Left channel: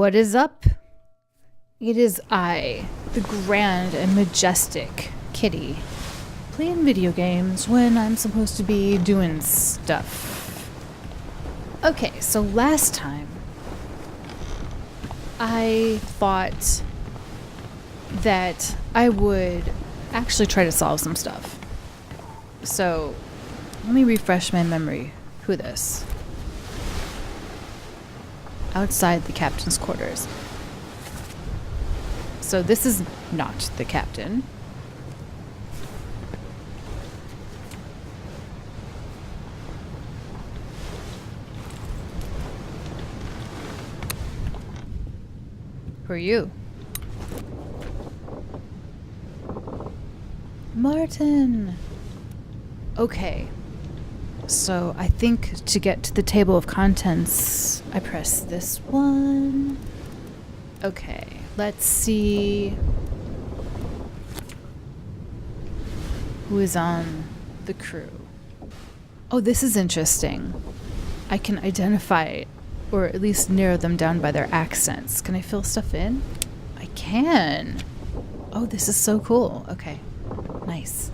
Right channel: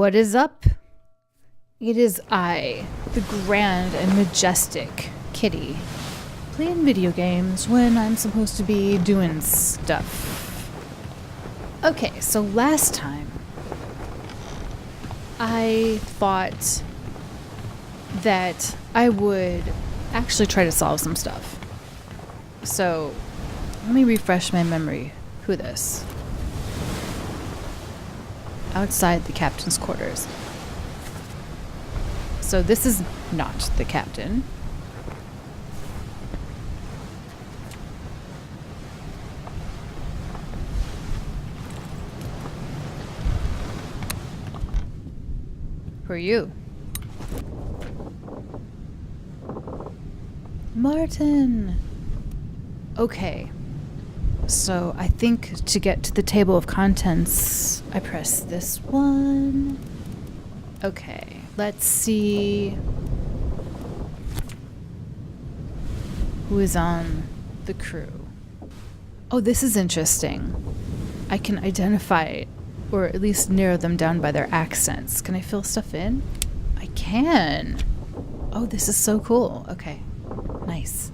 What is up? It is I, the grand and majestic Kitty, playing video games when I'm supposed to be doing stuff. Okay, so last time I thought that I would actually try to solve some stuff. So let me refresh my memory. Who this? Outside the captain's quarters. So this is not the captain. Who are you? Martin! Okay. So I think to get to the table of contents, I press this one. Okay, let's see who is on the crew. Oh, this is interesting. I can identify, or at least narrow them down by their accents. Can I fill stuff in? I can. Oh, this is so cool. Okay, nice.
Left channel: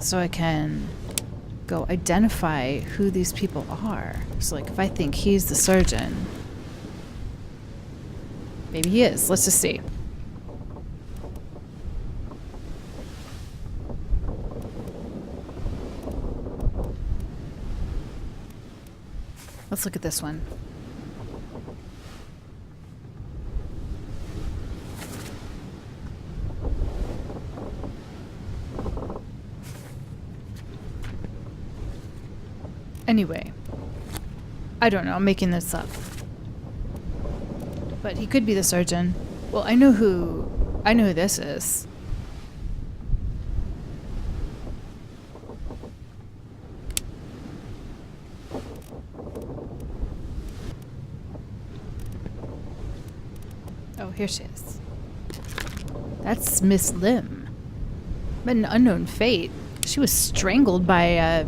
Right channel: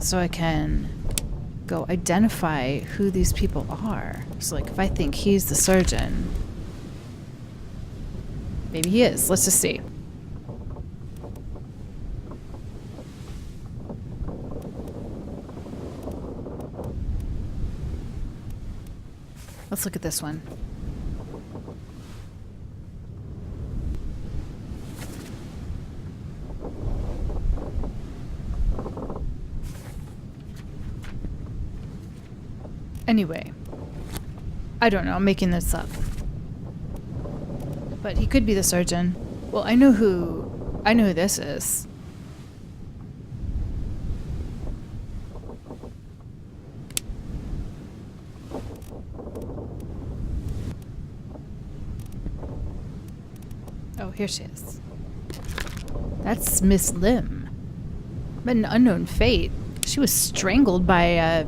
So I can go identify who these people are. So like if I think he's the surgeon, maybe he is. Let's just see. Let's look at this one. Anyway, I don't know, I'm making this up. But he could be the surgeon. Well, I know who this is. Oh, here she is. That's Miss Lim. But an unknown fate. She was strangled by a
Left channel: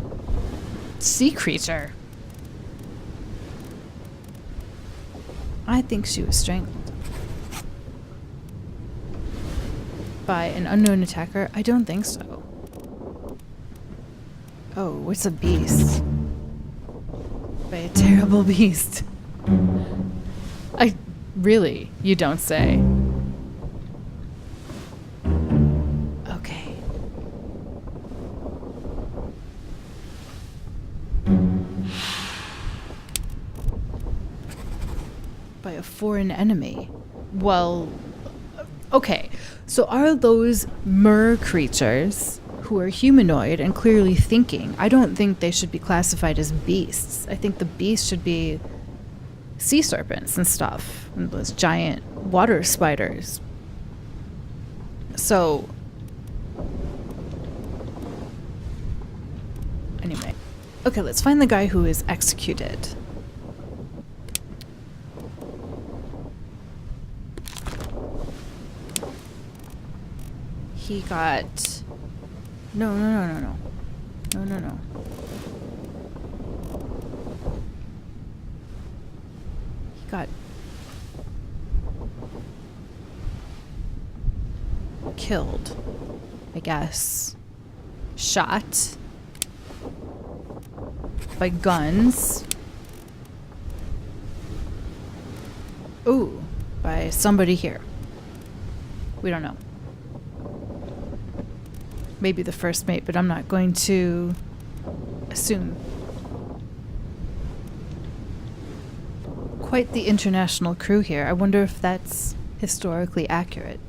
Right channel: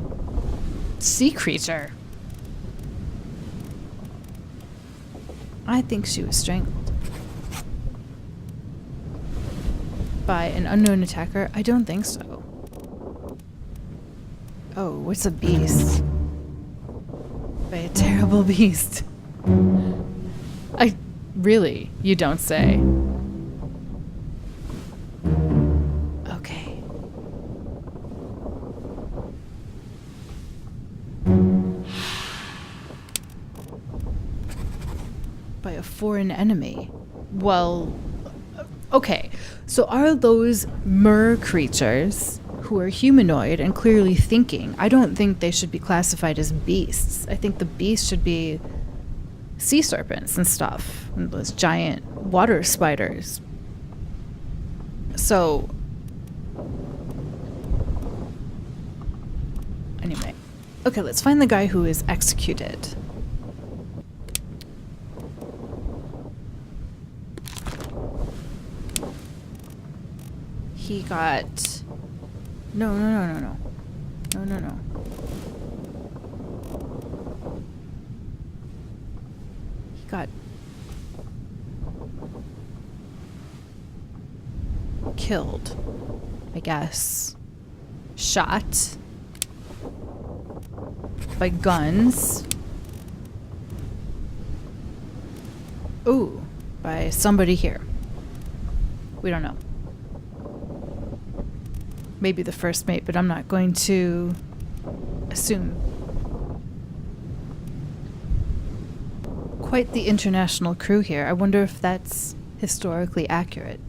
sea creature. I think she was strangled by an unknown attacker. I don't think so. Oh, what's a beast? By a terrible beast. Really, you don't say. Okay. By a foreign enemy. Well, okay. So are those mer creatures who are humanoid and clearly thinking? I don't think they should be classified as beasts. I think the beasts should be sea serpents and stuff, and those giant water spiders. So anyway, okay, let's find the guy who is executed. He got no. He got killed, I guess. Shot by guns. Ooh, by somebody here. We don't know. Maybe the first mate, but I'm not going to assume. Quite the international crew here. I wonder if that's historically accurate.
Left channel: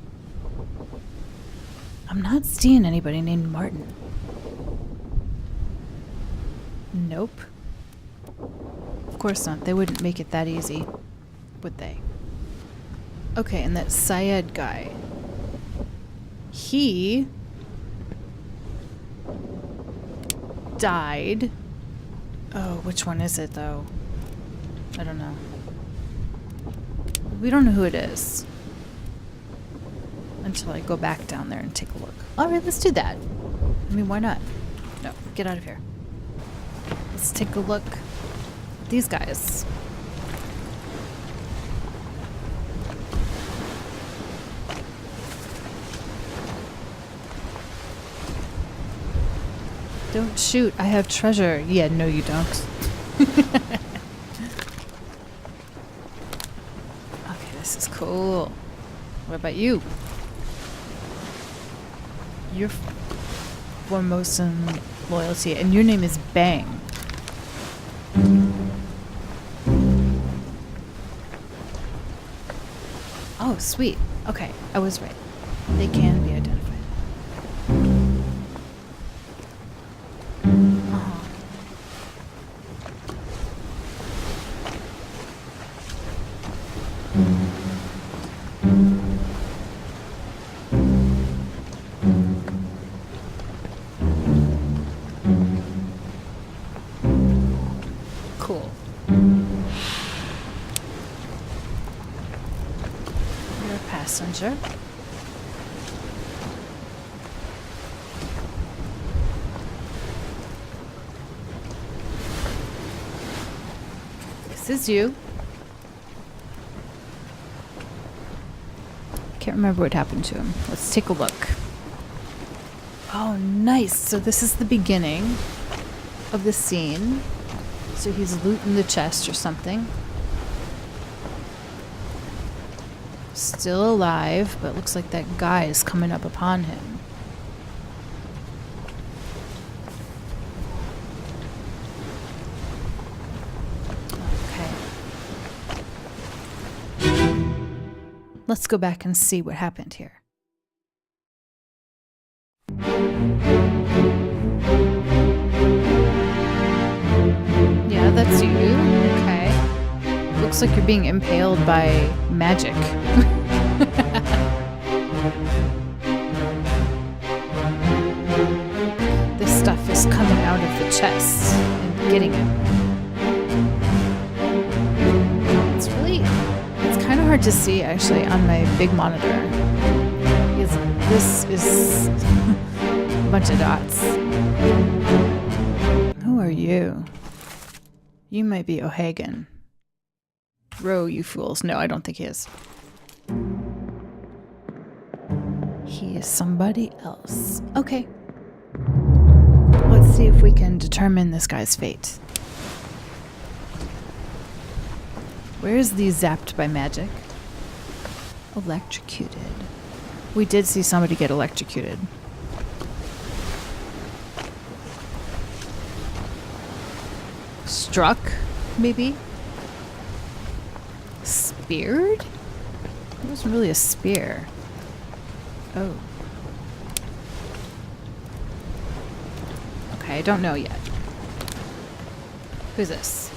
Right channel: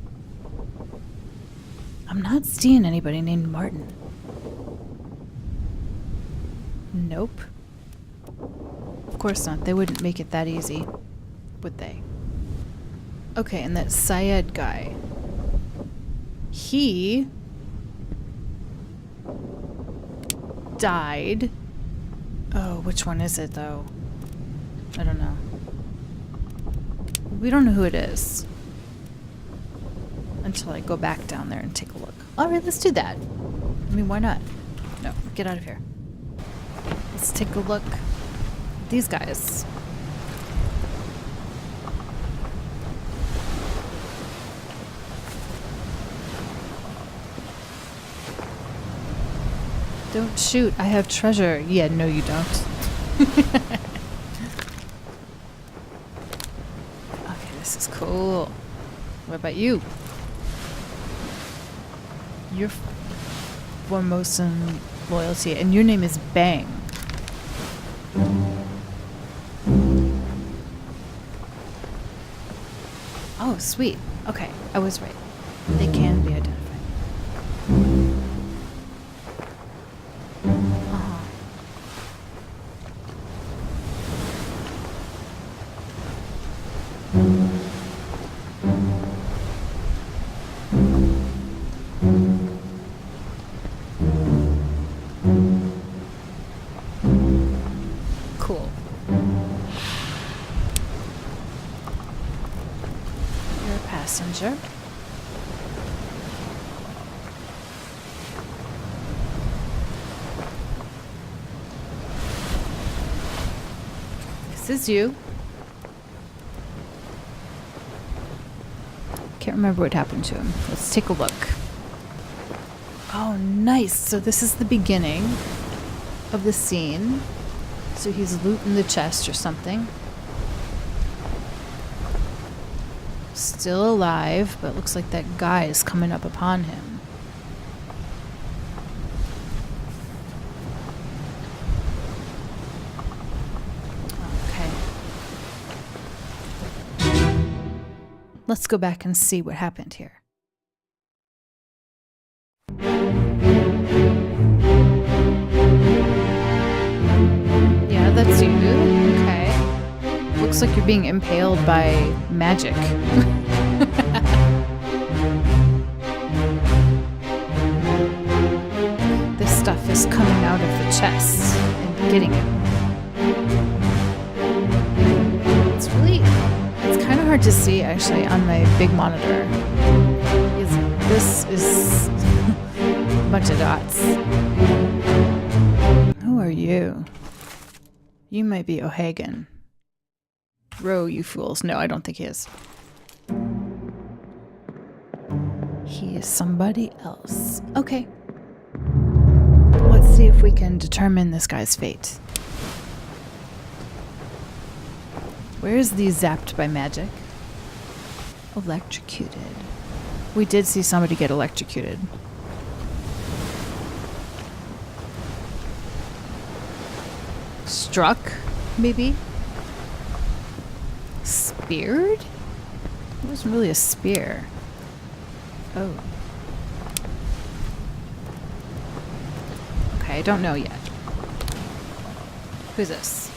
I'm not seeing anybody named Martin. Nope. Of course not. They wouldn't make it that easy, would they? Okay, and that Syed guy. He died. Oh, which one is it though? I don't know. We don't know who it is until I go back down there and take a look. Alright, let's do that. I mean, why not? No, get out of here. Let's take a look at these guys. Don't shoot. I have treasure. Yeah, no you don't. Okay, this is cool. What about you? You're Formosan loyalty, and your name is Bang. Oh, sweet. Okay, I was right. They can be identified. Uh-huh. Cool. You're a passenger. This is you. Can't remember what happened to him. Let's take a look. Oh, nice. So this is the beginning of the scene. So he's looting the chest or something. Still alive, but looks like that guy is coming up upon him. Okay. Let's go back and see what happened here. Yeah, that's you. Okay. Looks like you're being impaled by magic. This stuff is coming out of the chest and getting him. It's kind of hard to see actually on my big monitor. This is a bunch of dots. Who are you? You might be O'Hagan. Row, you fools. No, I don't think he is. He is somebody else. Okay. Let's see if we can determine this guy's fate. Where is the zapped by magic? Electrocuted. We did see somebody get electrocuted. Struck, maybe? Speared? It wasn't really a spear. Oh. Okay, I don't know yet. Who's this?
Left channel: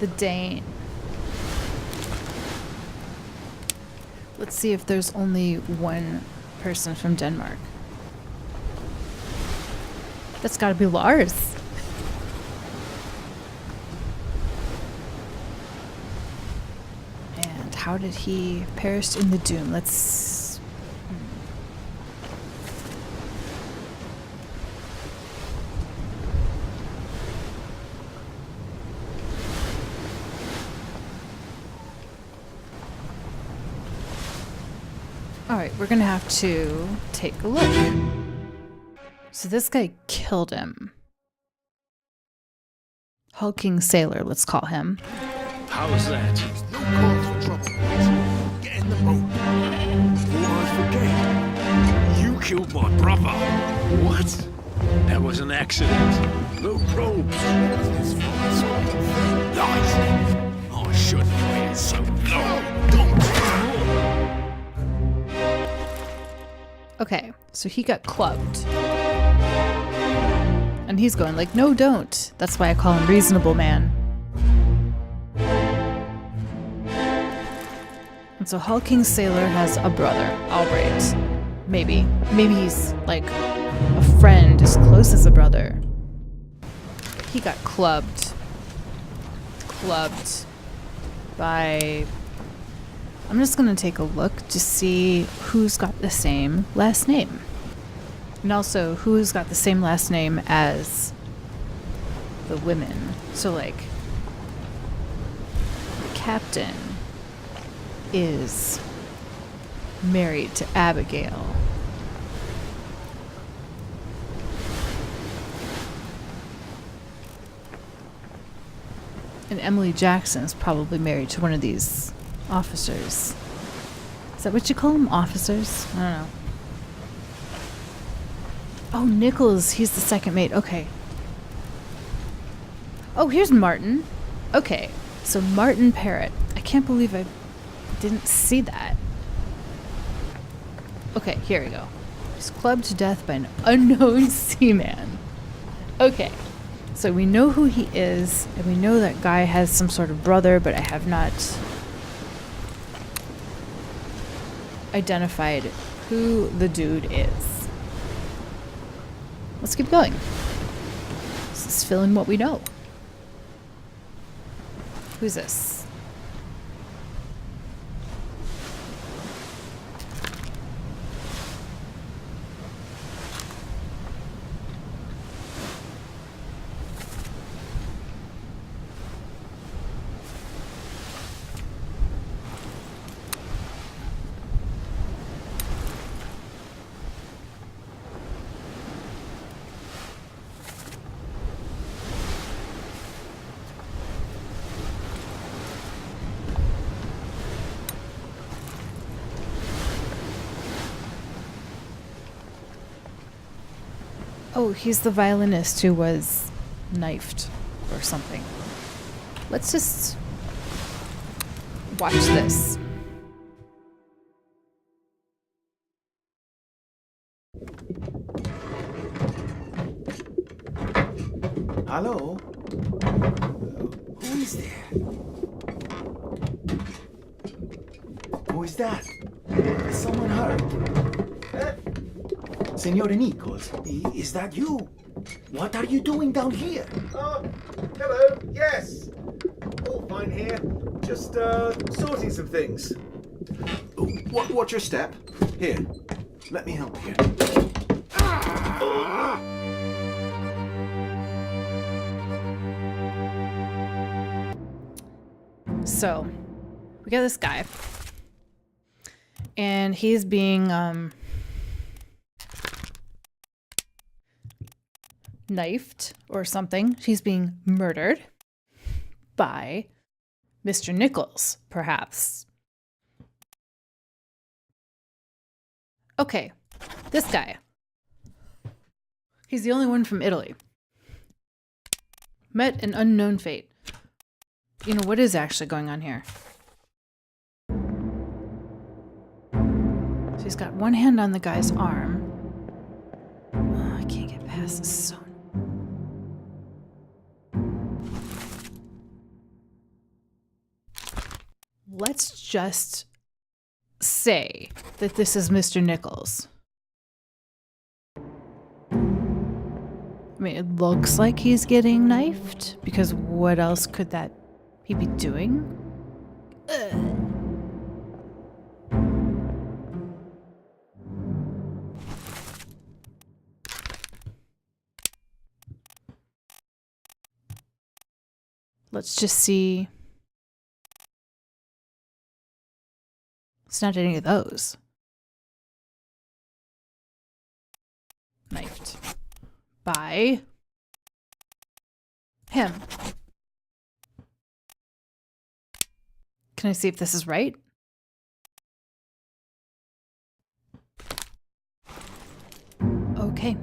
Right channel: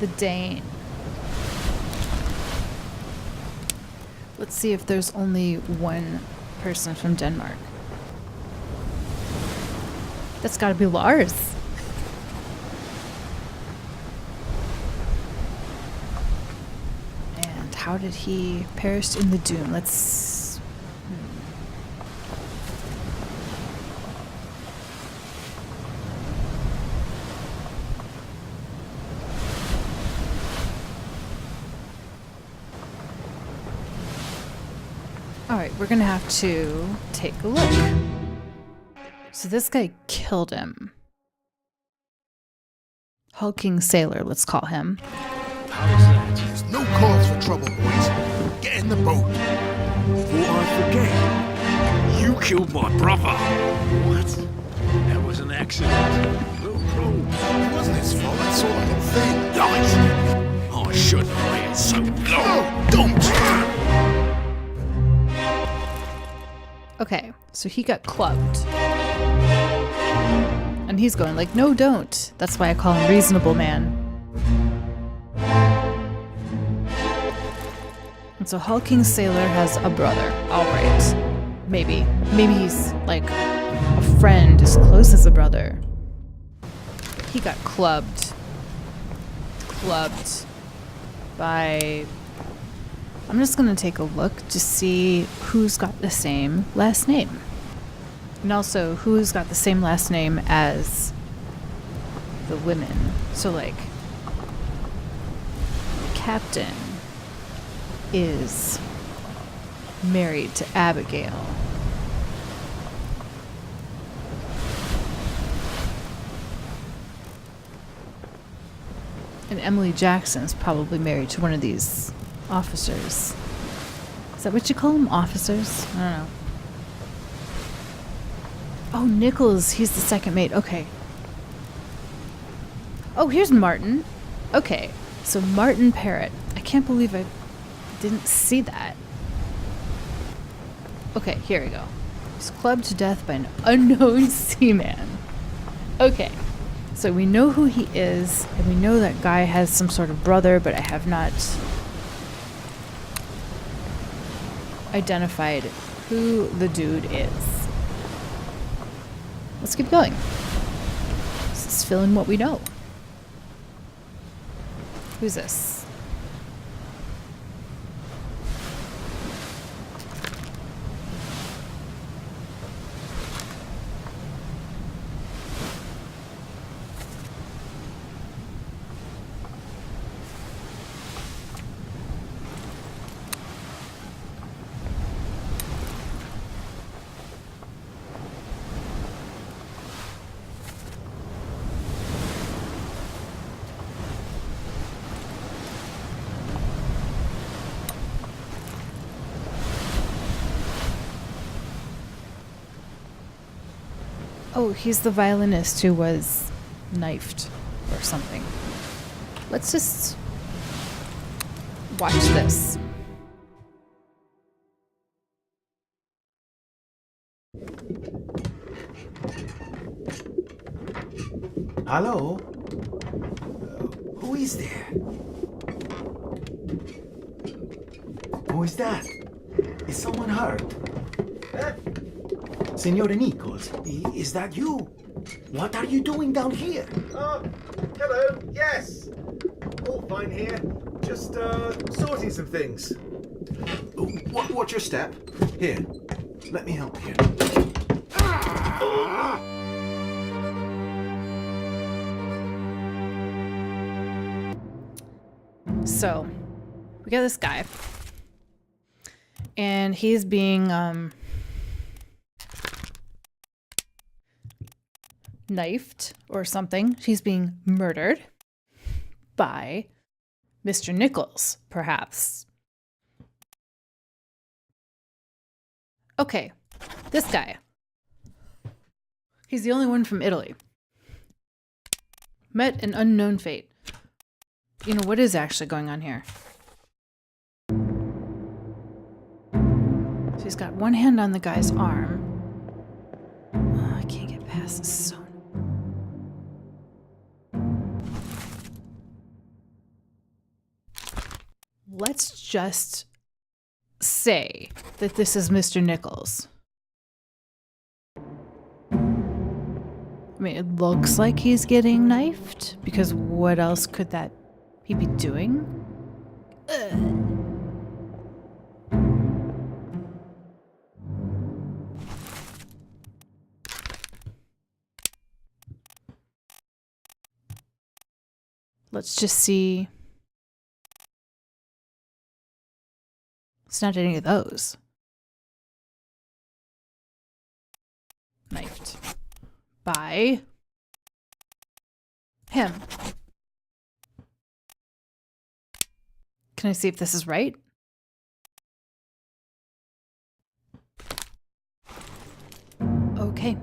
The Dane. Let's see if there's only one person from Denmark. That's gotta be Lars. And how did he perish in the Doom? Let's... Alright, we're gonna have to take a look. So this guy killed him. Hulking Sailor, let's call him. How's that? There's no cause for trouble, boys. Get in the boat. Before I forget, you killed my brother. What? That was an accident. No probes. It wasn't his fault. I saw the whole thing. Lies. I shouldn't have waited so long. No, don't! Okay, so he got clubbed. And he's going like, no, don't. That's why I call him Reasonable Man. And so Hulking Sailor has a brother. All right. Maybe. Maybe he's like a friend as close as a brother. But he got clubbed. Clubbed by... I'm just going to take a look to see who's got the same last name. And also who's got the same last name as the women. So like, the captain is married to Abigail. And Emily Jackson's probably married to one of these officers. Is that what you call them? Officers? I don't know. Oh, Nichols. He's the second mate. Okay. Oh, here's Martin. Okay. So Martin Parrott. I can't believe I didn't see that. Okay, here we go. He's clubbed to death by an unknown seaman. Okay. So we know who he is, and we know that guy has some sort of brother, but I have not identified who the dude is. Let's keep going. This is filling what we know. Who's this? Oh, he's the violinist who was knifed or something. Let's just watch this. Hello? Who is there? Who is that? Is someone hurt? Signore Nichols, is that you? What are you doing down here? Oh, hello. Yes. All fine here. Just sorting some things. What's your step? Here, let me help you. So, we got this guy. And he's being knifed or something. He's being murdered by Mr. Nichols, perhaps. Okay, this guy. He's the only one from Italy. Met an unknown fate. You know, what is actually going on here? So he's got one hand on the guy's arm. Oh, I can't get past this. So let's just say that this is Mr. Nichols. I mean, it looks like he's getting knifed, because what else could that he be doing? Ugh. Let's just see. It's not any of those. Knifed by him. Can I see if this is right? Okay.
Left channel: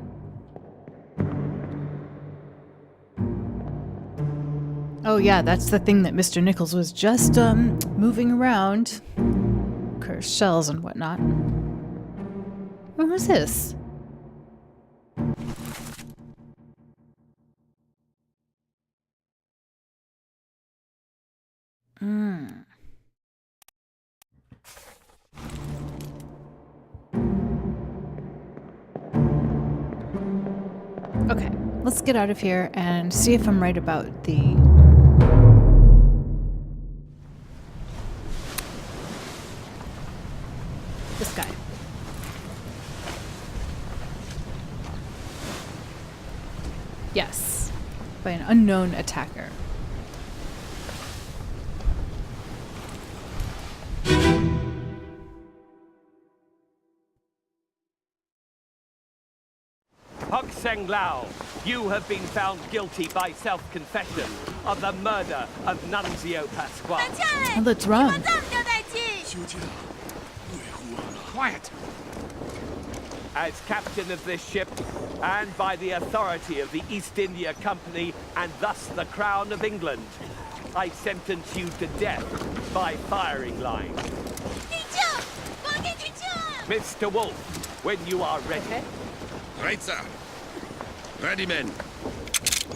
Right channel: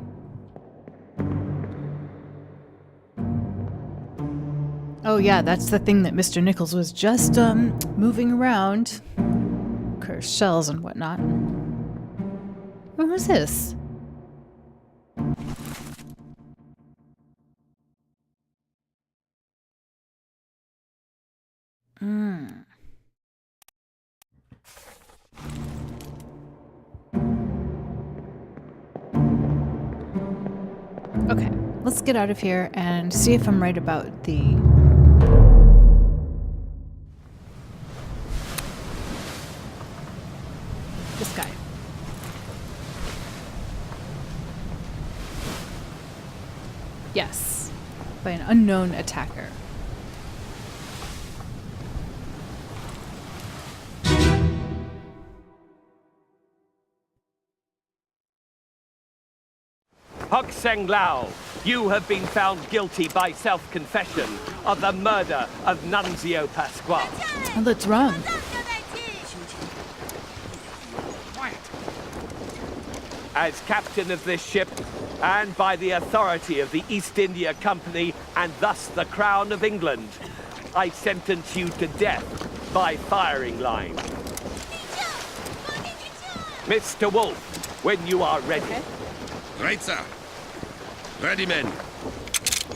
Oh yeah, that's the thing that Mr. Nichols was just moving around. Cursed shells and whatnot. What was this? Okay, let's get out of here and see if I'm right about the... this guy. Yes, by an unknown attacker. Hug Seng Lao, You have been found guilty by self-confession of the murder of Nunzio Pasquale. Oh, that's wrong. Quiet. As captain of this ship, and by the authority of the East India Company, and thus the Crown of England, I sentence you to death by firing line. Mr. Wolf, when you are ready. Okay. Right, sir. Ready, men.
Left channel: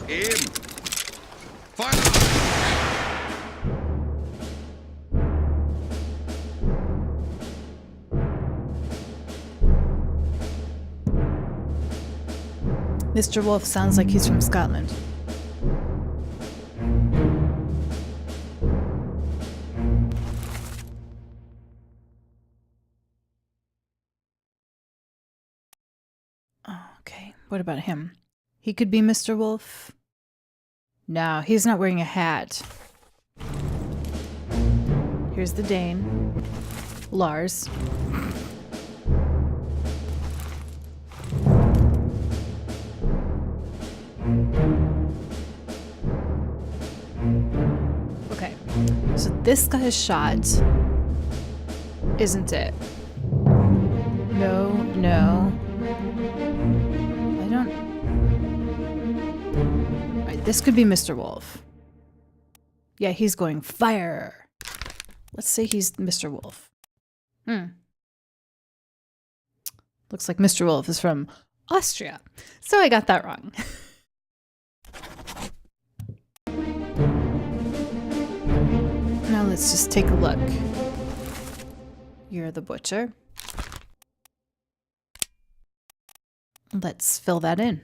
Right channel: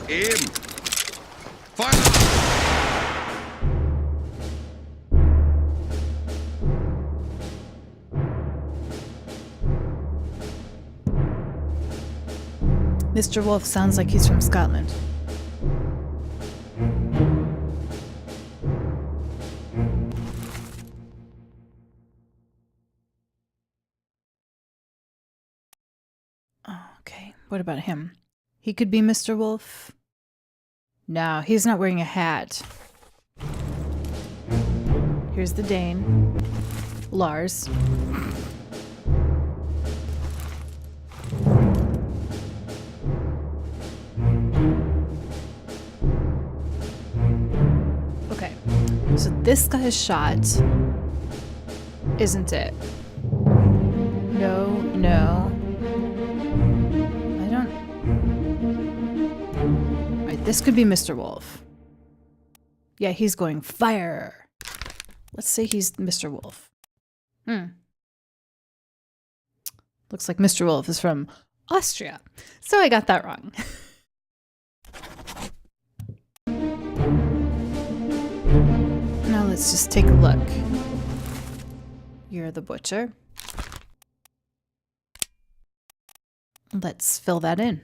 Aim. Fire! Mr. Wolf sounds like he's from Scotland. Oh, okay, what about him? He could be Mr. Wolf. No, he's not wearing a hat. Here's the Dane. Lars. Okay, so this guy's shot, isn't it? No, no. I don't... Alright, this could be Mr. Wolf. Yeah, he's going fire. Let's say he's Mr. Wolf. Looks like Mr. Wolf is from Austria. So I got that wrong. Now let's just take a look. You're the butcher. Let's fill that in.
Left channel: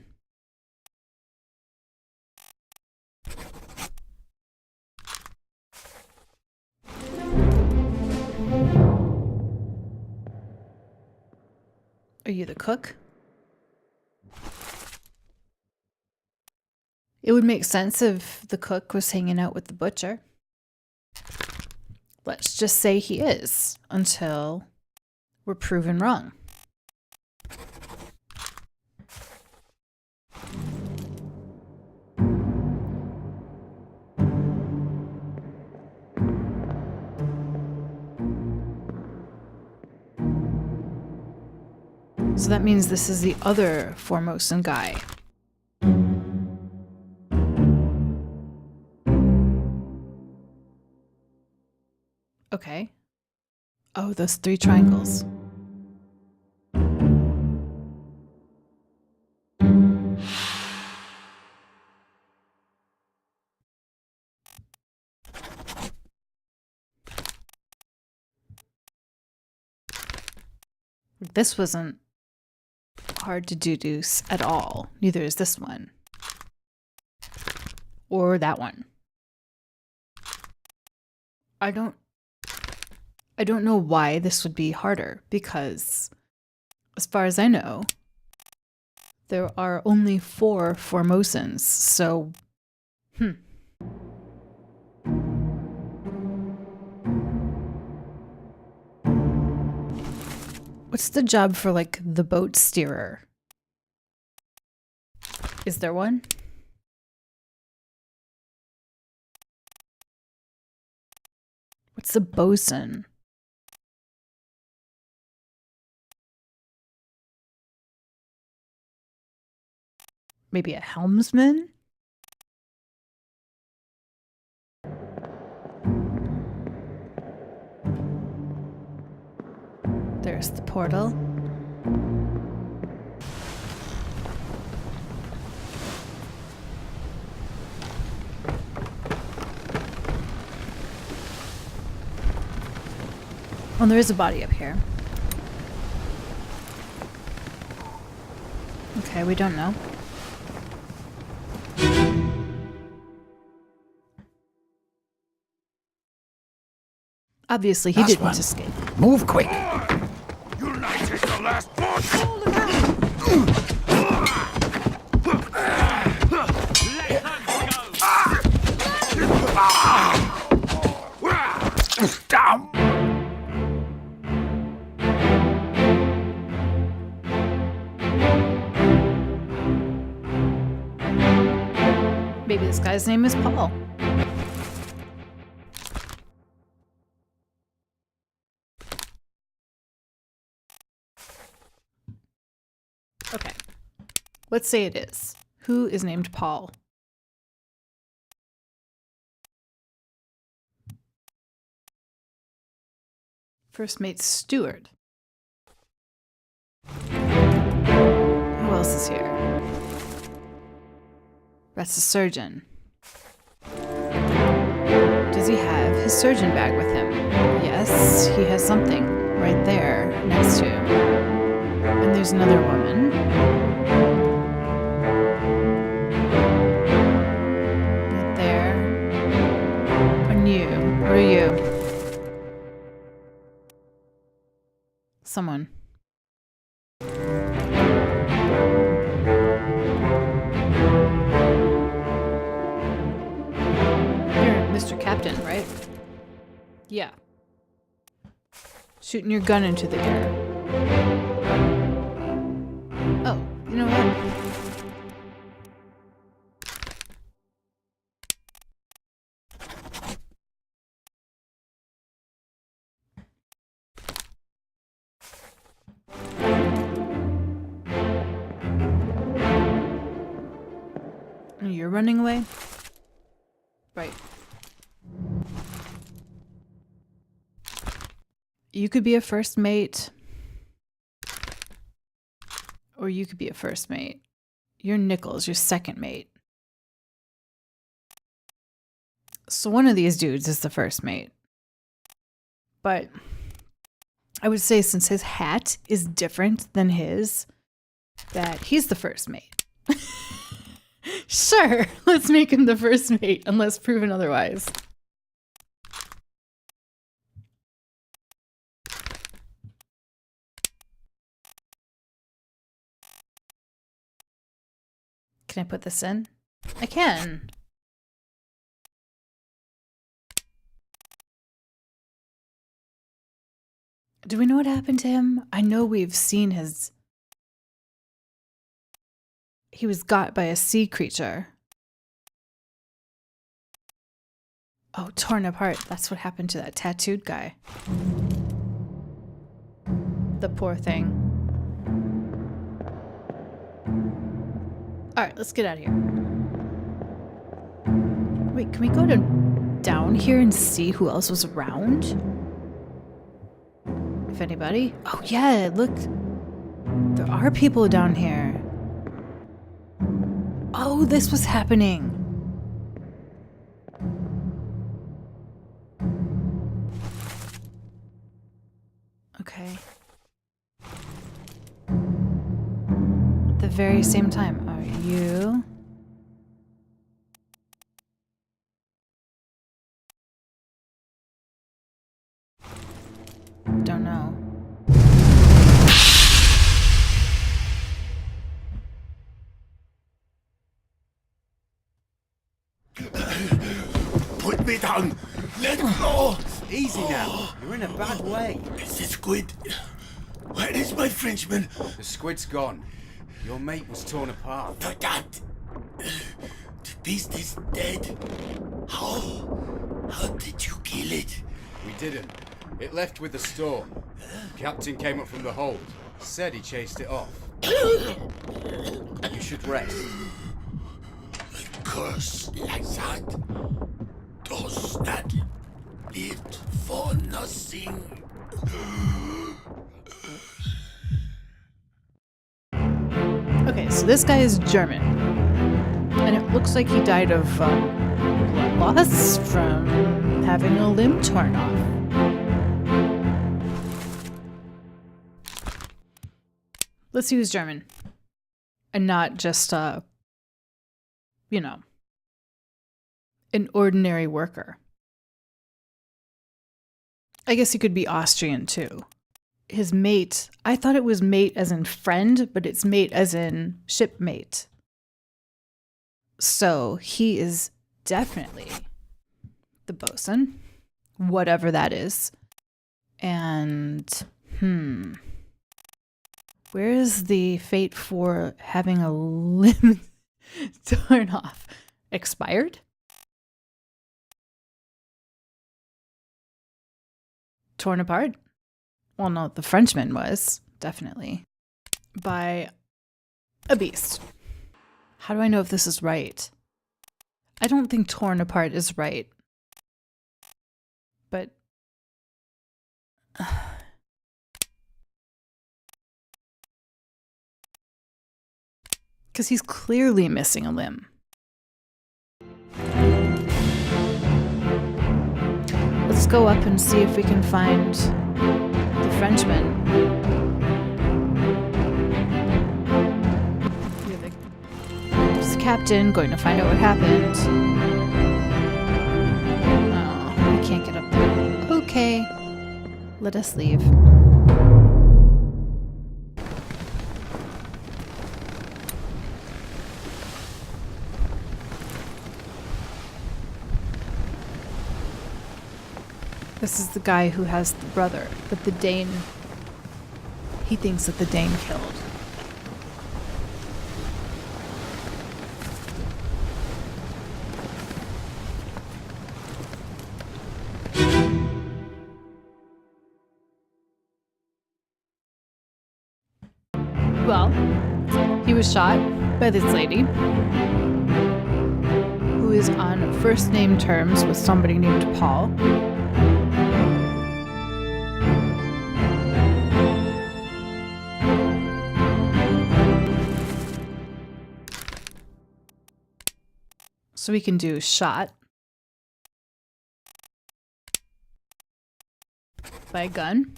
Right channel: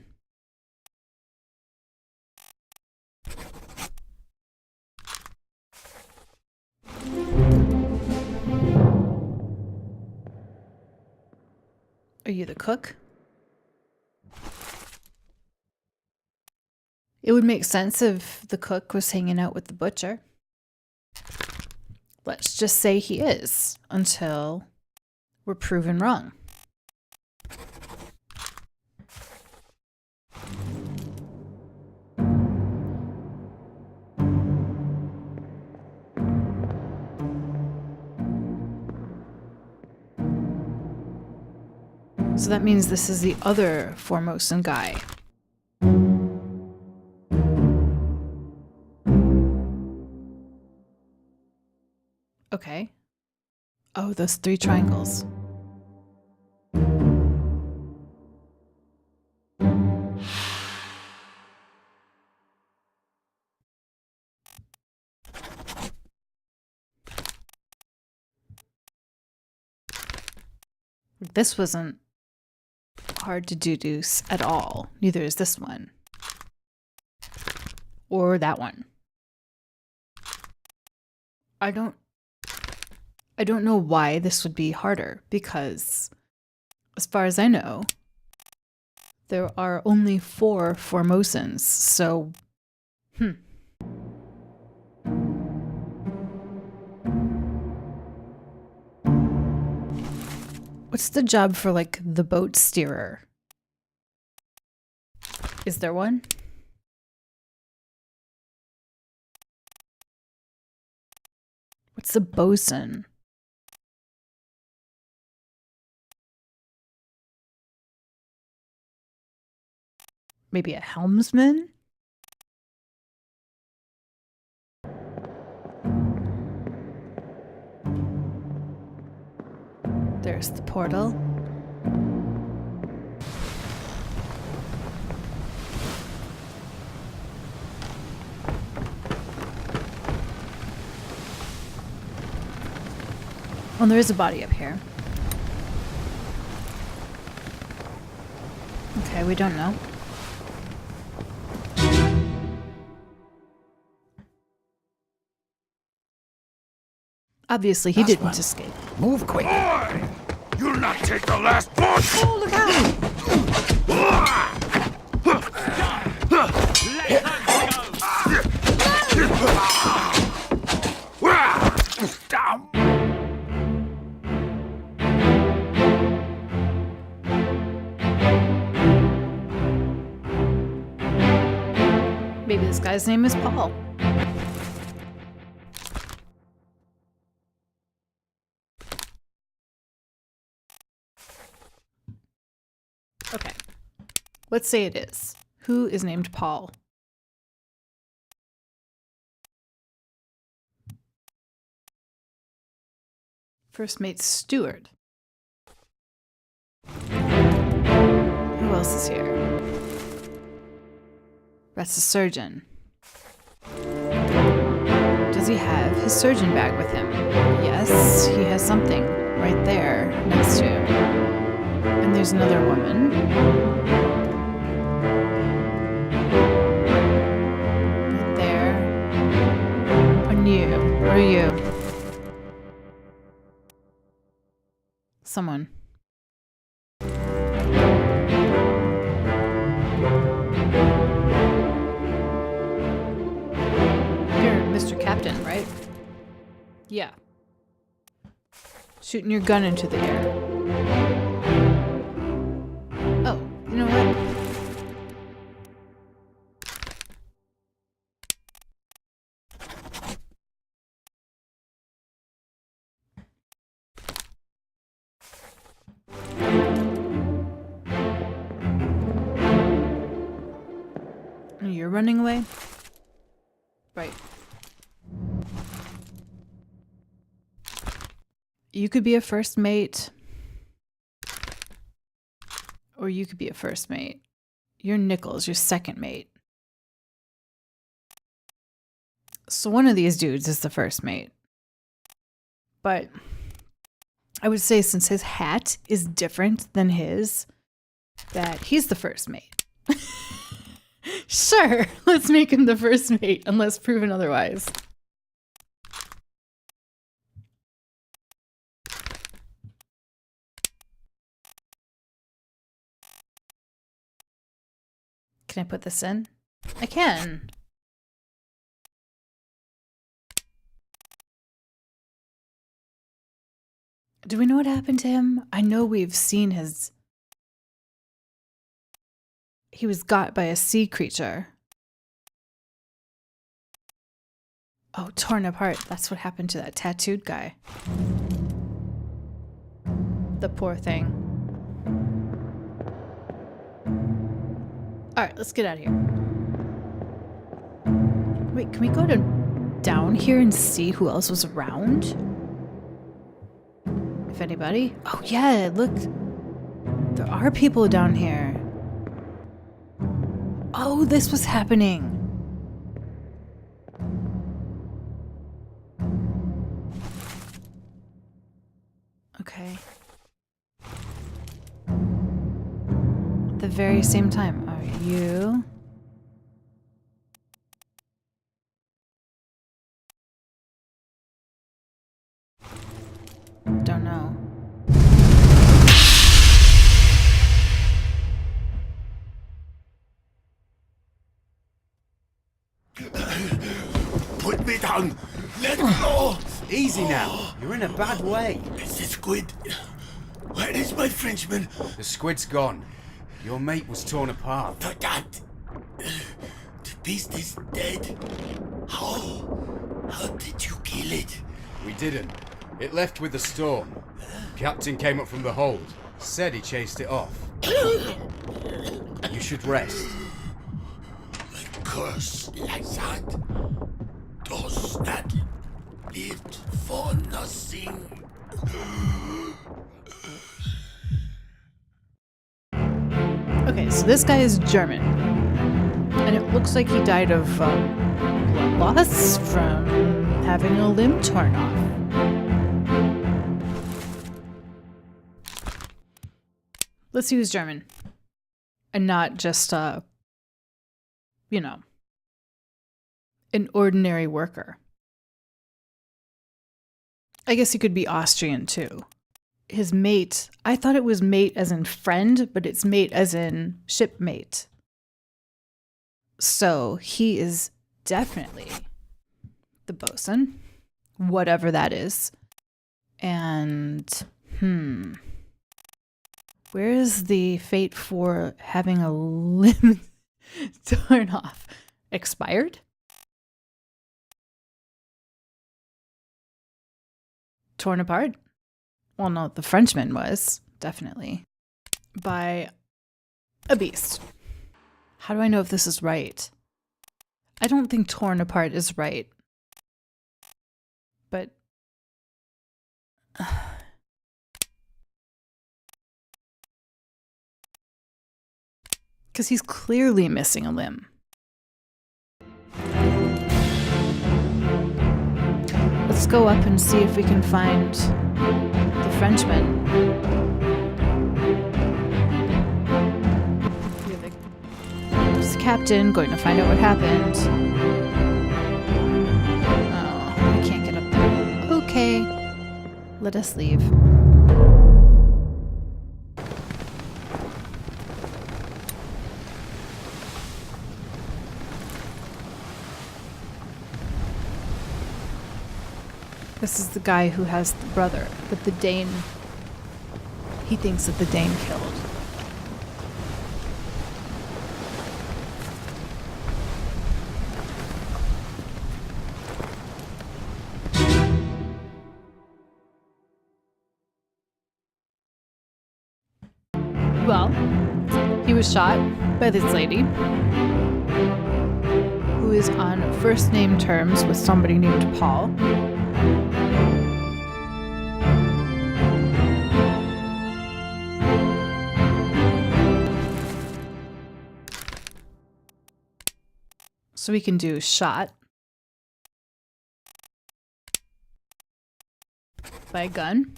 Are you the cook? It would make sense if the cook was hanging out with the butcher. Let's just say he is, until we're proven wrong. So that means this is the other Formosan guy. Okay. Oh, those 3 triangles. This wasn't hard to deduce at all. Neither is this one. Or that one. I don't know why this would be harder, because as far as I know, there are only 4 Formosans, so What's the job for, like, the boat steerer? Is there one? What's the bosun? Maybe a helmsman? There's the portal. Oh, there is a body up here. Okay, we don't know. Obviously, he didn't escape. Move quick. You'll not take the last punch! Let her go! Maybe this guy's name is Paul. Okay. Let's say it is. Who is named Paul? First mate steward. Who else is here? That's the surgeon. Does he have his surgeon bag with him? Yes, he has something right there next to him. And there's another woman. Right there. And you. What are you? Someone. You're Mr. Captain, right? Yeah. Shooting your gun into the air. Oh, you know what? You're running away? Right. You could be a first mate. Or you could be a first mate. You're Nichols, your second mate. So one of these dudes is the first mate. But I would say since his hat is different than his, that he's the first mate. Sure, let's make him the first mate, unless proven otherwise. Can I put this in? I can. Do we know what happened to him? I know we've seen his... He was got by a sea creature. Oh, torn apart. That's what happened to that tattooed guy. The poor thing. Alright, let's get out of here. Wait, can we go to down here and see who else was around? If anybody. Oh yeah, look. There are people down here. Oh, this was happening. Okay. At the very same time, are you? Don't know. Put me down. Let go. Easy now. You're in a bad way. It's the squid. Where is my Frenchman? The squid's gone. Your mate was torn apart. But that... The beast is dead. How? How did you kill it? We didn't. It left with the storm. Captain came up from the hold. Said he chased it off. You should rest. A curse like that does not live for nothing. Okay, so this guy is German. And it looks like he died of blood loss from having a limb torn off. Let's see who's German. And not just, you know, an ordinary worker. I guess he could be Austrian too. His mate, I thought it was mate as in friend, but it's mate as in shipmate. So he is definitely the bosun, whatever that is. And, where is the fate for having a limb torn off? expired? Torn apart? Well, no, the Frenchman was, definitely. By a beast. How do I know if this is right? I don't think torn apart is right. But... because he's clearly missing a limb. Let's go up and see if we can find the Frenchman. There's the captain going to find out what happened. Oh, I can't get up there. Okay, let us leave. This is the guy who has the brother, but the Dane, he thinks that the Dane killed. Well, he was shot by this lady, who is on first name terms with somebody named Paul. So we can do shot by a gun.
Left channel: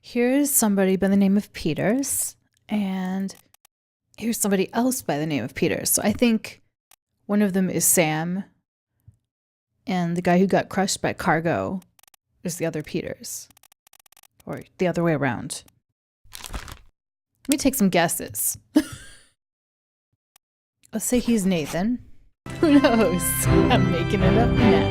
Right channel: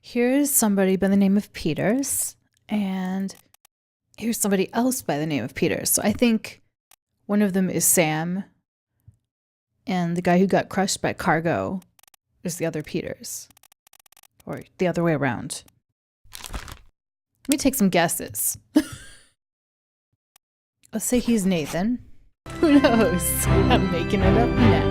Here's somebody by the name of Peters, and here's somebody else by the name of Peters. So I think one of them is Sam, and the guy who got crushed by cargo is the other Peters, or the other way around. Let me take some guesses. Let's say he's Nathan. Who knows? I'm making it up now.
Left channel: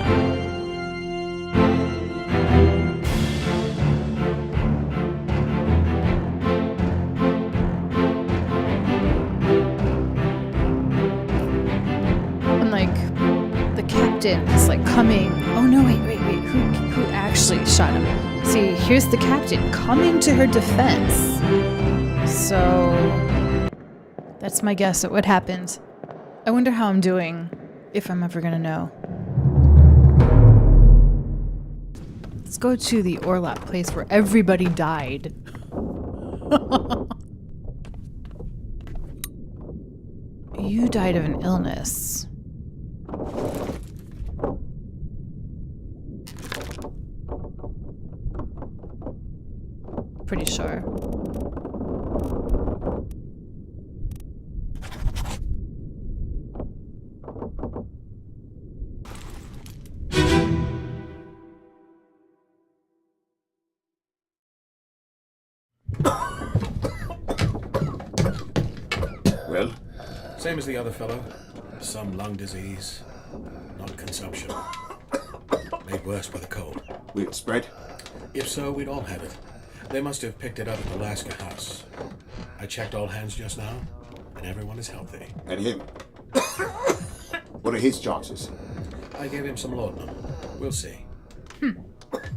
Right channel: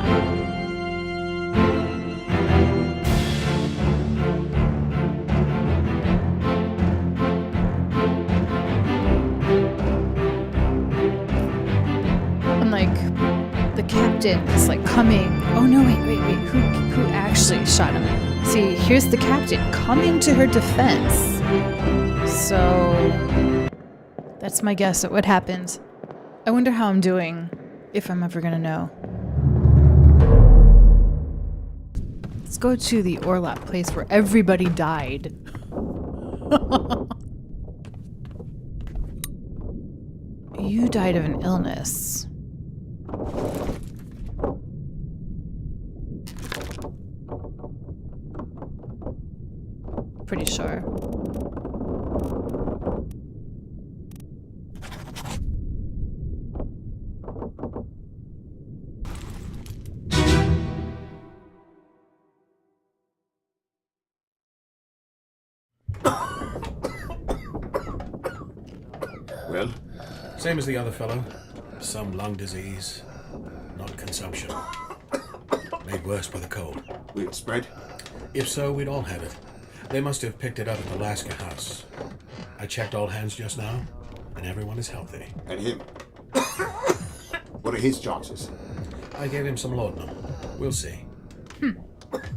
And like the captain is like coming. Oh no, wait. Who actually shot him? See, here's the captain coming to her defense. So that's my guess at what happened. I wonder how I'm doing, if I'm ever gonna know. Let's go to the Orlap place where everybody died. You died of an illness. Pretty sure. Well? Same as the other fellow. Some lung disease, not consumption. Made worse by the cold. Will it spread? If so, we'd all have it. They must have picked it up at the Alaska house. I checked all hands just now, and everyone is healthy. And him? What are his chances? I gave him some laudanum. We'll see. Okay.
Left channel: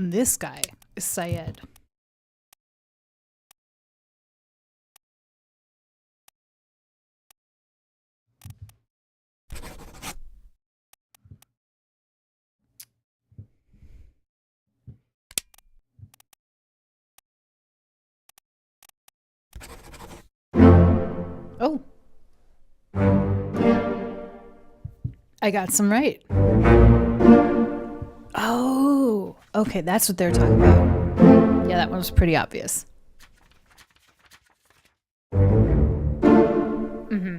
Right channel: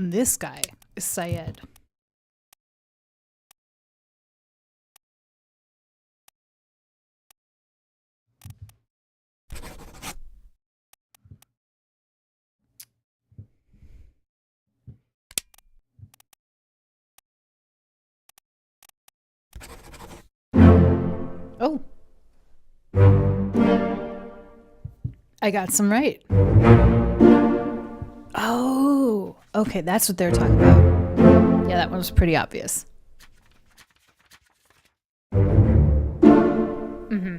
This guy is Syed. Oh. I got some right. Oh, okay, that's what they're talking about. Yeah, that one was pretty obvious. Mm-hmm.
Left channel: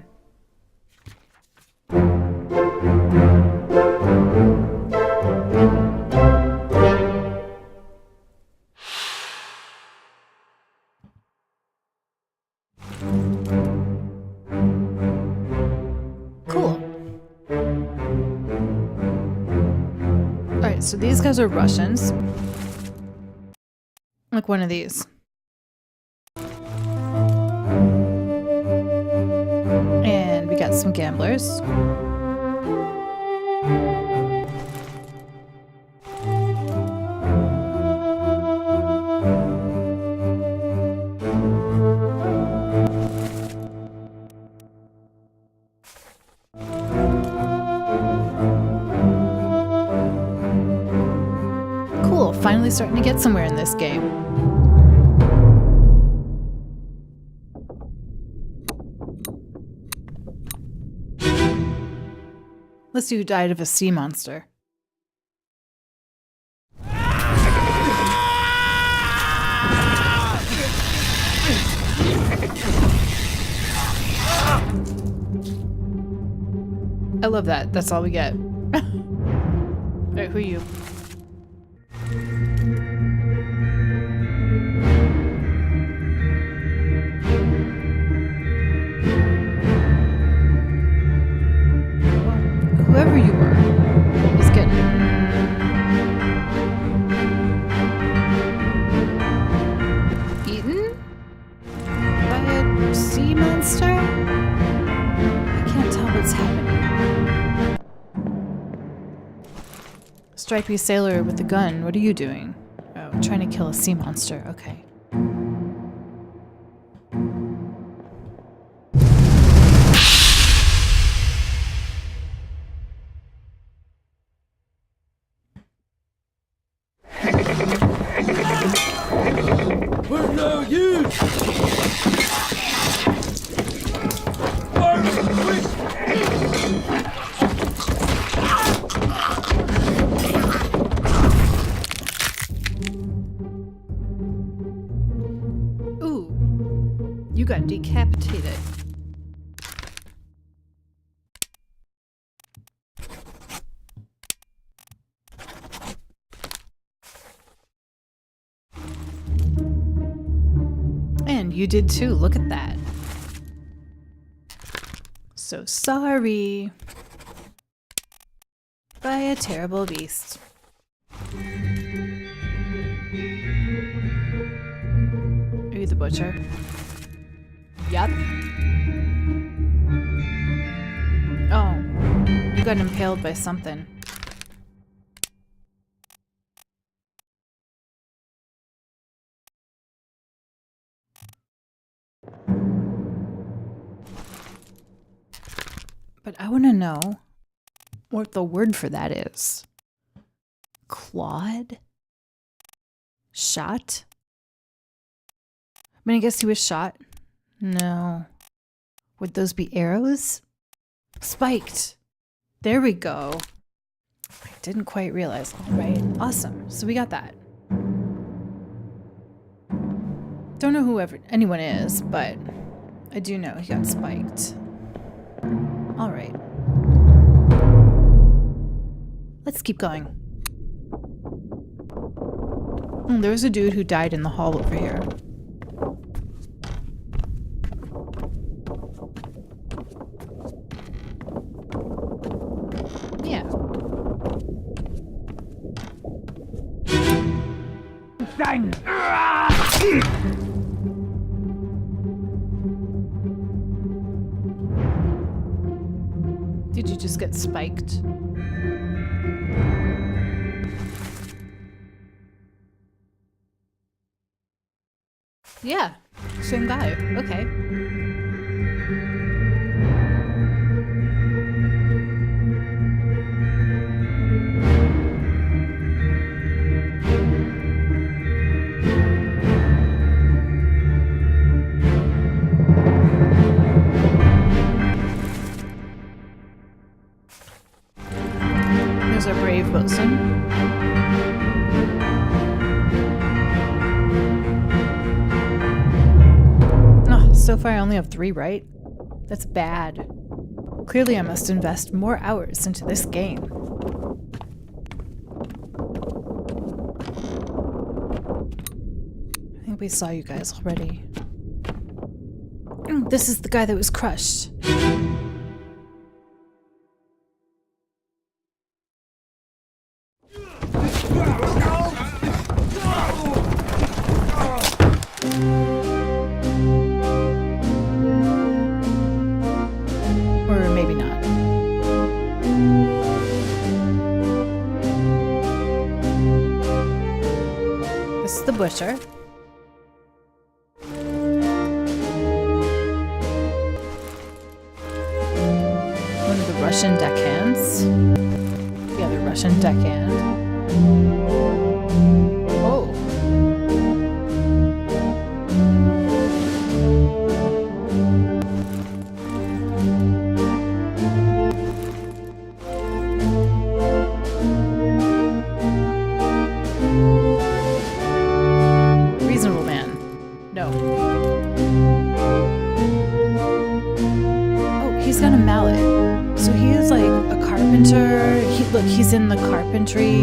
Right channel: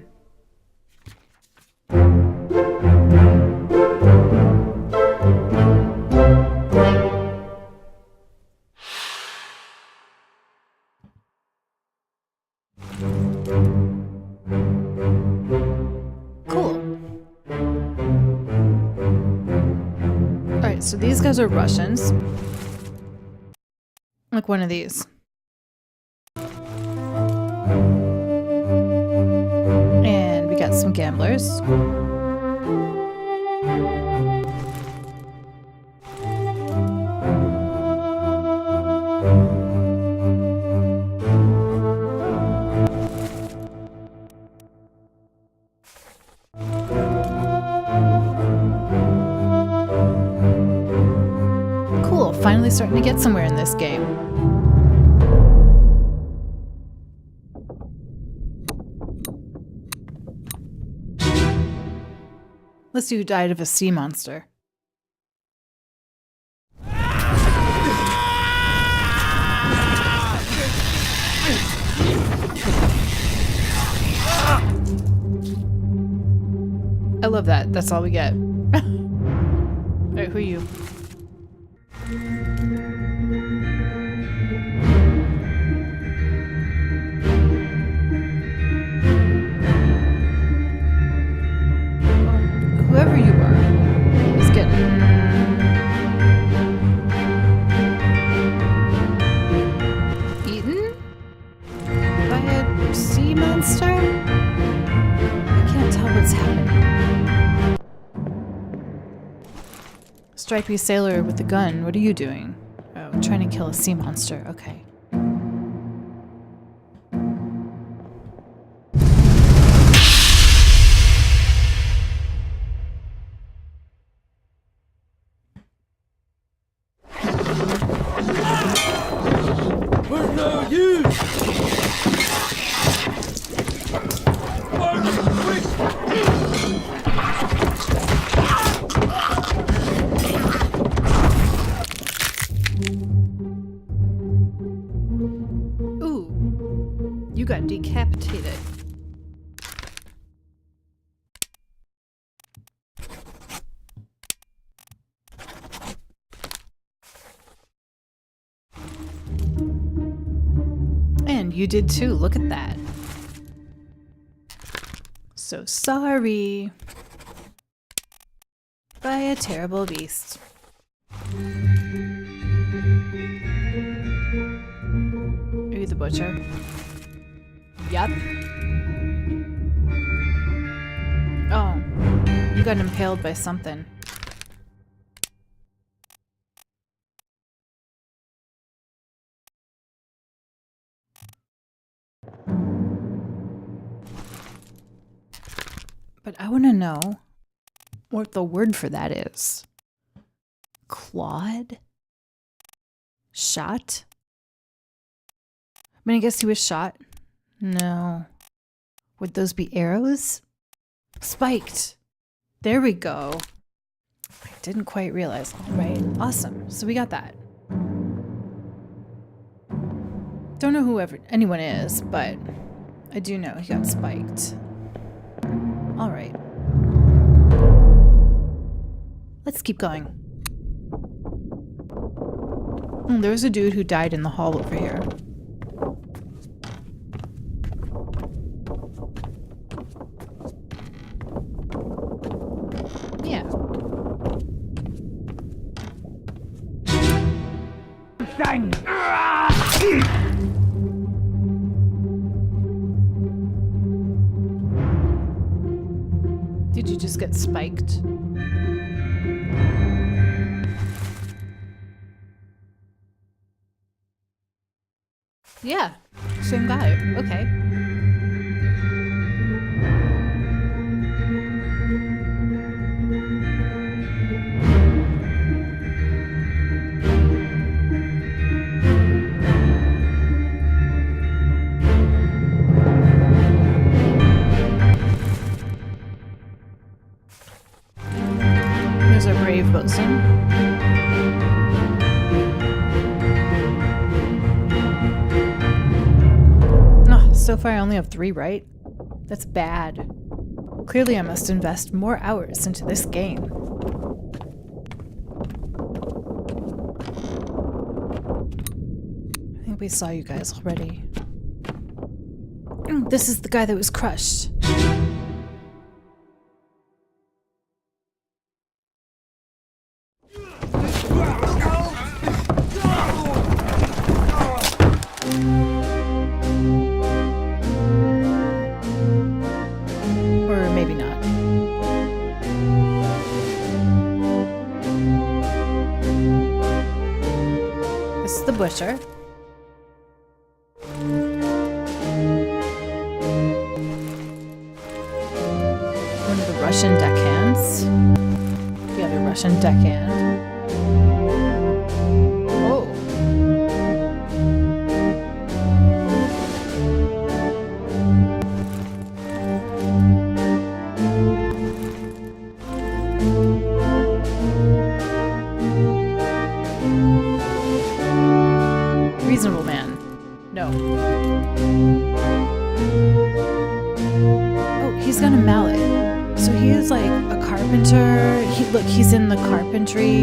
Alright, so these guys are Russians. Like one of these. And we got some gamblers. Cool, finally starting to get somewhere in this game. Let's see who died of a sea monster. I love that. That's all we get. Alright, who are you? Whoever you were is getting... eaten? By a sea monster? I can't tell what's happening. Stripy sailor with the gun, what are you doing? Oh, trying to kill a sea monster, okay. We're no use! Ooh, you got decapitated. And you did too, look at that. So sorry. By a terrible beast. Are you the butcher? Yup. Oh, you got impaled by something. But I want to know what the word for that is. Clawed? Shot? I mean, I guess he was shot. No. Would those be arrows? Spiked. There we go. I didn't quite realize. All right. Awesome. So we got that. Don't know who anyone is, but I do know he got spiked. All right. Let's keep going. There was a dude who died in the hall over here. Yeah. Bang! Did you just get spiked? Yeah, same guy. Okay. There's our brave bosun. So far I only have 3 right. That's bad. Clearly I must invest more hours into this game. I think we saw you guys already. This is the guy that was crushed. maybe not. This is the butcher. One of the Russian deckhands. The other Russian deckhand. Oh. Reasonable man. No. Oh, he's got a mallet. So he is like a carpenter. Look, he's in the carpentry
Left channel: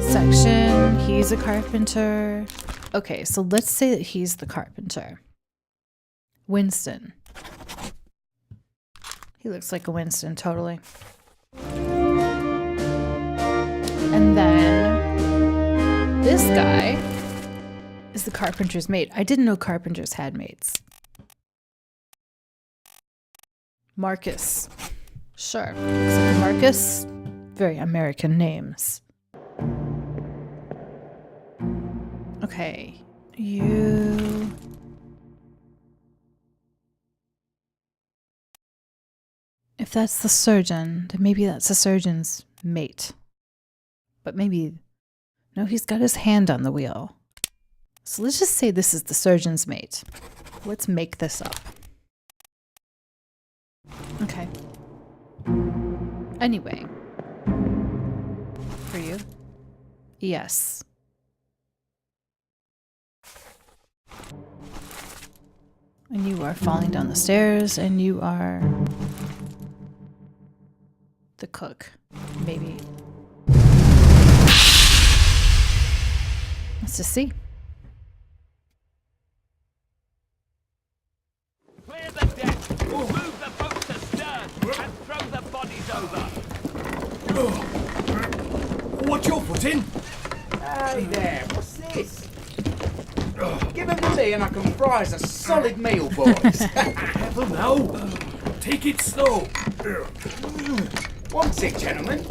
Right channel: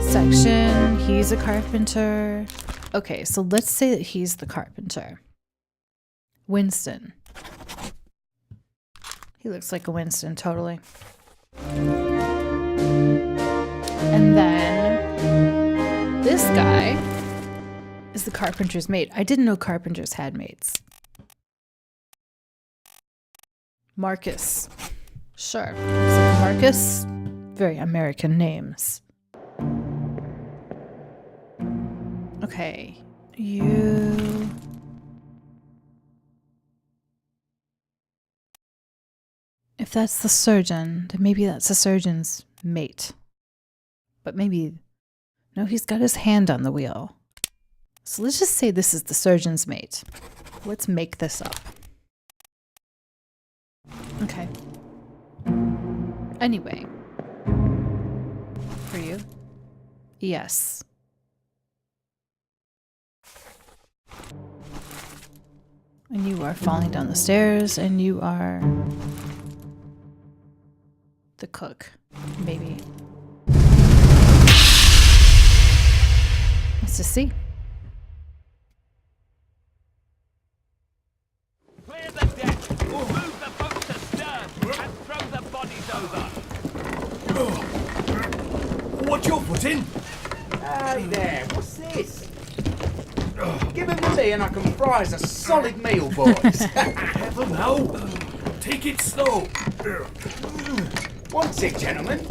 section. He's a carpenter. Okay, so let's say that he's the carpenter. Winston. He looks like a Winston, totally. And then this guy is the carpenter's mate. I didn't know carpenters had mates. Marcus. Sure. Looks like a Marcus. Very American names. Okay. You... If that's the surgeon, then maybe that's the surgeon's mate. But maybe... No, he's got his hand on the wheel. So let's just say this is the surgeon's mate. Let's make this up. Okay. Anyway. For you? Yes. And you are falling down the stairs, and you are the cook, maybe. Let's just see. Clear the deck, move the boat to stern, and throw the bodies over. What's your foot in? Hey there, what's this? Give him to me and I can fry us a solid meal, boys. Careful now. Take it slow. One sec, gentlemen.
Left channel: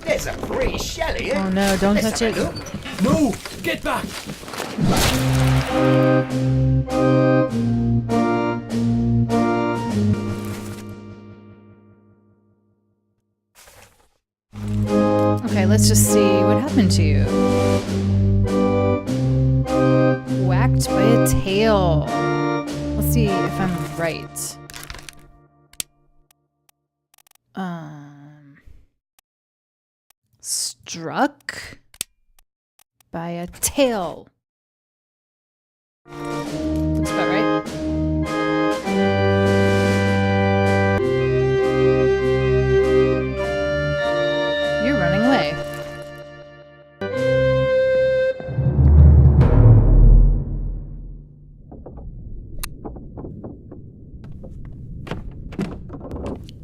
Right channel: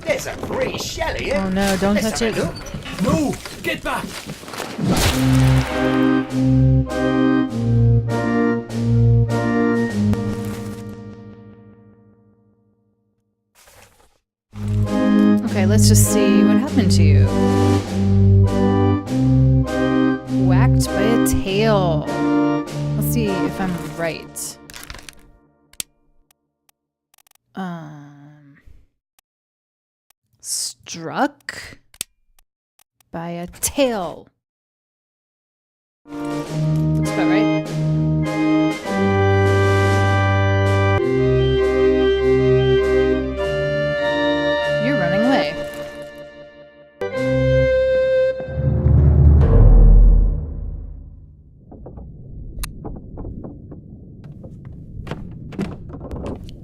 There's a pretty shell here. Oh no, don't Let's touch have a it. look. No, get back. Okay, let's just see what happened to you. Whacked by a tail. Let's see if I'm right. Struck by a tail. Looks about right. You're running away.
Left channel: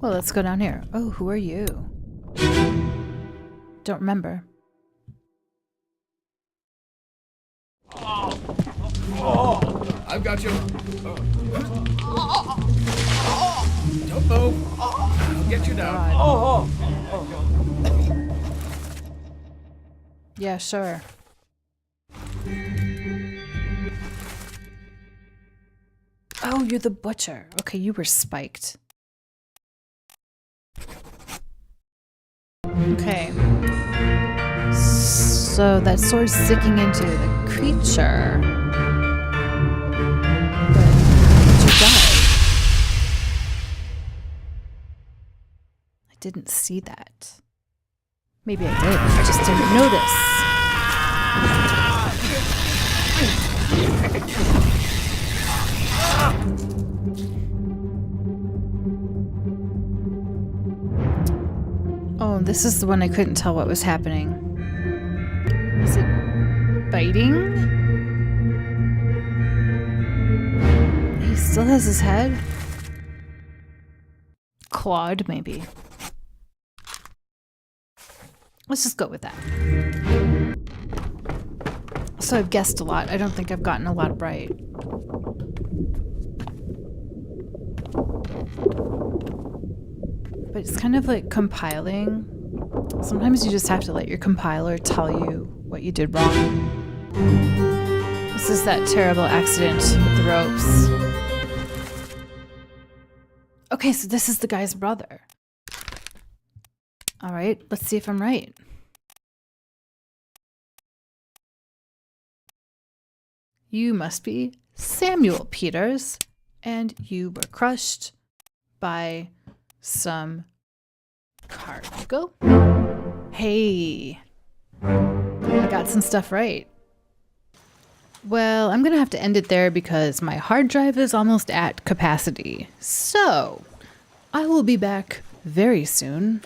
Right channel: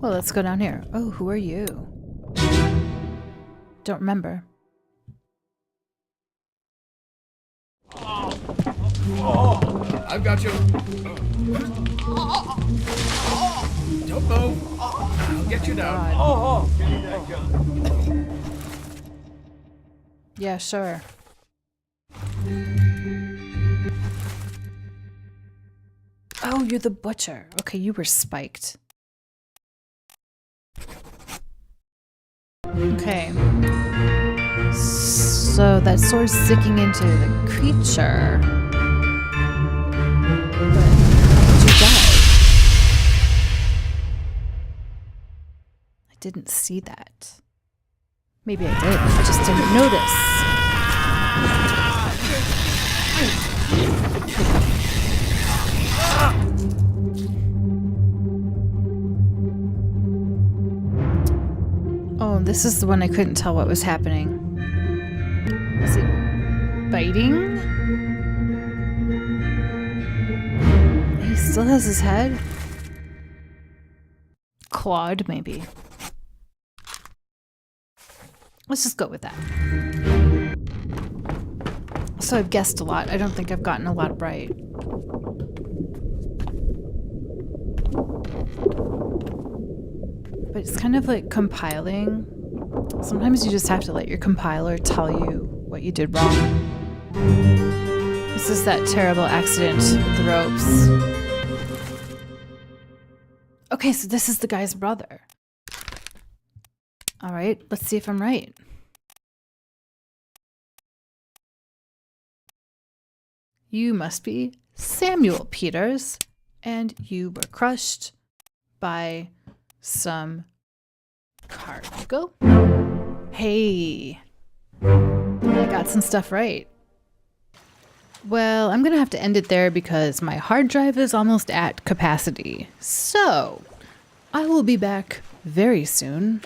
Well, let's go down here. Oh, who are you? Don't remember. I've got you. Don't move. I'll get you down. Yeah, sure. Oh, you're the butcher. Okay, you were spiked. Okay. So that sword's sticking into the creature. But how did you die? I didn't see that. Maybe I did. I just didn't notice. Oh, this is the one I couldn't tell what was happening. Is it biting? He still has his head? Clawed, maybe. Let's just go with that. So I've guessed a lot. I don't think I've gotten a lot right. but it's kind of like compiling. Sometimes you just have to let your compiler tell you what you did wrong. This is that terrible accident with the ropes. Okay, so this is the guy's brother. All right, let's see if I'm right. You must be Samuel Peters, and you were crushed by some cargo. Hey, I got some stuff right. Well, I'm gonna have to end it there because my hard drive is almost at capacity. So, I will be back very soon.